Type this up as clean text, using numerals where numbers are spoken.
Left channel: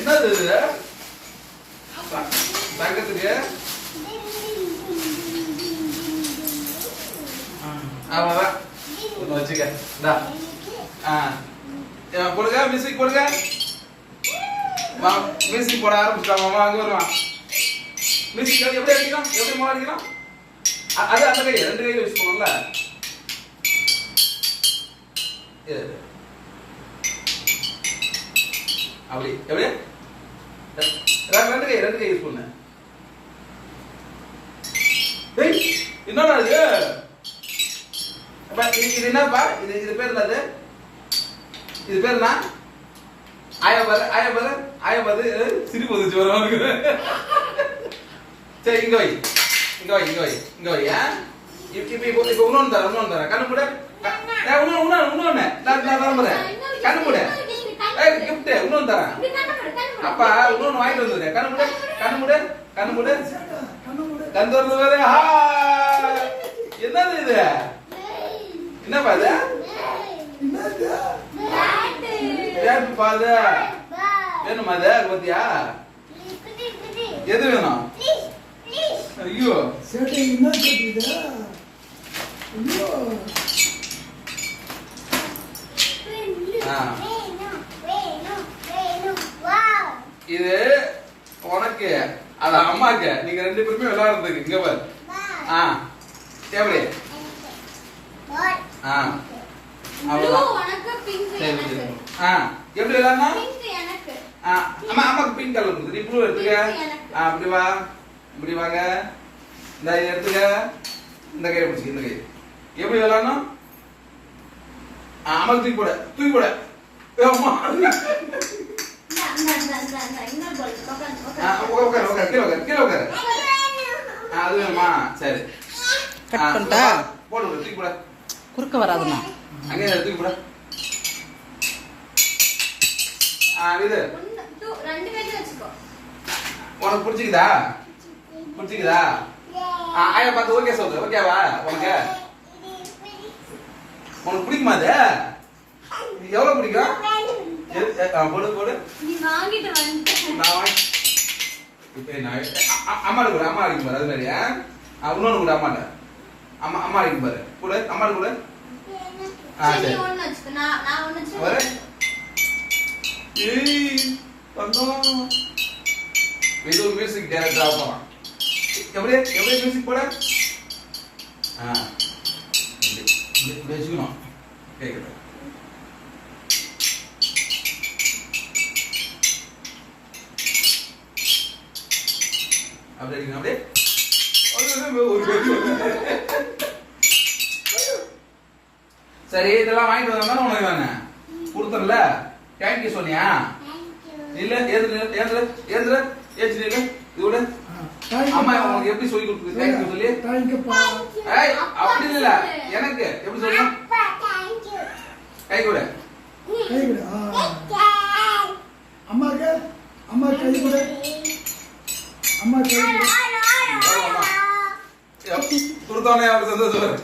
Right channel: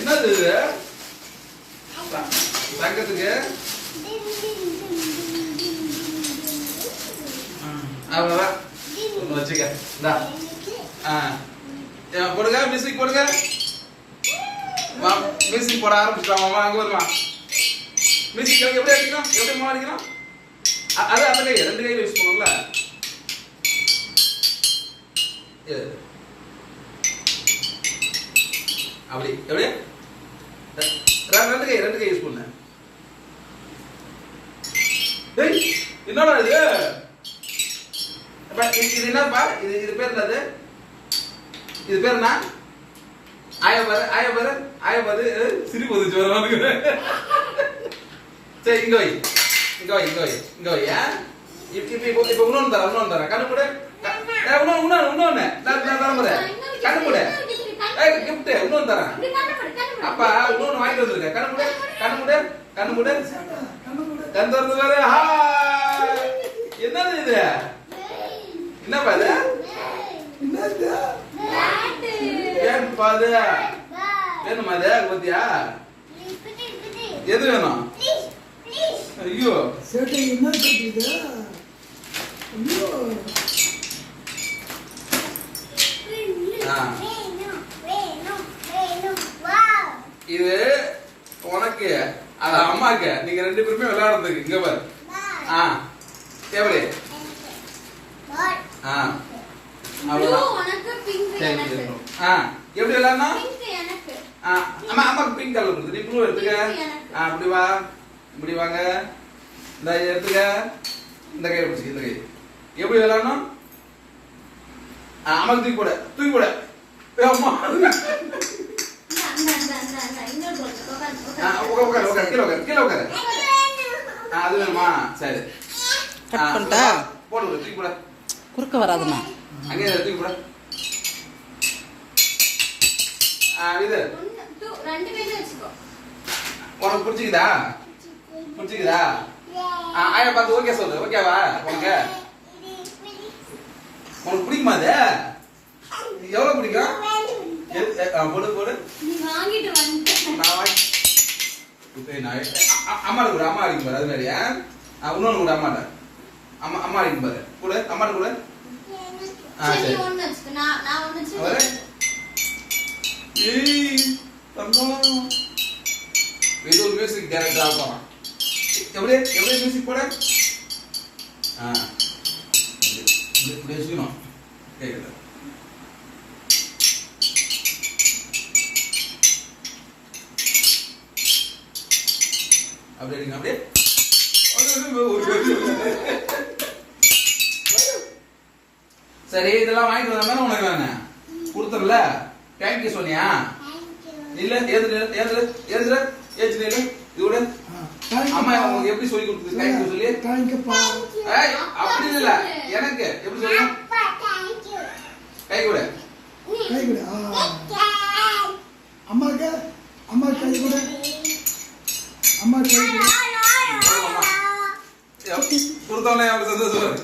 என்னது இது? தங்கத்துக்கு அவ்வளவுதான் வச்சுக்க. கொடுங்க மியூசிக் கொடுங்க. மியூசிக் போட ஆரம்பிச்சிட்டாமா. அங்க வருமா மியூசிக்? எப்படி அடிக்கணும்? எப்படி மூலம் அடிக்கணும்? அது அந்த கை ரெண்டு கையில யூஸ் பண்ணும்ல. அப்படி எப்படி? ரெண்டு கை யூஸ் பண்ணு. என்னடா இது? இது என்னப்பா? இது பேர் என்னது? இது பேர் என்ன? ஆயா பாரு சிரிப்பு வந்துச்சு வரவனுக்கு. சரி இங்க வை. இப்ப இன்னொன்னு தரேன். கண்ணு மூடு. இன்னொன்னு கண்ணு மூடு. கிஃப்ட் இன்னொன்னு தரேன். அப்பா இன்னொன்னு வாங்கிட்டு வந்துருக்கேன். கண்ணு மூடு. கண் திறந்து பாரு. என்னது இது? என்னப்பா இது? வேணுமா இது? பத்தியா எது வேணும்? ஐயோ இது உனக்கு, அது அம்மாக்கு. நீங்க ரெண்டு பேருமே விளையாடுறதுக்கு. இங்க பாரு. எப்படி? எப்படி விளையாடணும்? அம்மாக்கு பிங்க் கலர் கொடுத்து நீ ப்ளூ எடுத்துக்க. அப்படி வா, இப்படி வாங்க. இந்த இதை எடுத்துக்க. இந்த கையை பிடிச்சி. இந்த கை எப்படி விளையாடணும்? அம்மாக்கு தூக்கி போட. அம்மா கீழே உட்காரு. அது வேணுமா? சரி போடு. தூக்கி போட. குறுக்க வராதுண்ணா. அங்கே தூக்கி போட. இது உனக்கு பிடிச்சிக்குதா? ஆயா பார்த்து ஓகே சொல்லு. ஓகேவா? உனக்கு பிடிக்குமா? அது எவ்வளவு பிடிக்கும்? போடு. அம்மா கூட அம்மா அடிக்கும் பாரு. அது மாதிரி இன்னொன்னு கூட அம்மாட்ட அம்மா அடிக்கும் பாரு. கூட அம்மாட்ட கூட. இது ஒரு மியூசிக் டைரக்டர் ஆகும். எப்படி மியூசிக் போட? இப்படி வச்சுக்கணும். கேக்குது? அப்படியே சரி. இதெல்லாம் வாங்கிட்டு வந்தா உனக்கு வேணாம் கொடுத்துடல. தேங்க்யூ சொன்னியா? இல்ல ஏந்திர இது அம்மா உனக்கு எப்படி சொல்லி கொடுத்தது? தேங்க்யூ சொல்லி. அப்படி இல்ல, எனக்கு எப்படி சொல்லி? கை கூட. கொடுத்தோன்னே அவருக்கு சந்தோஷம்.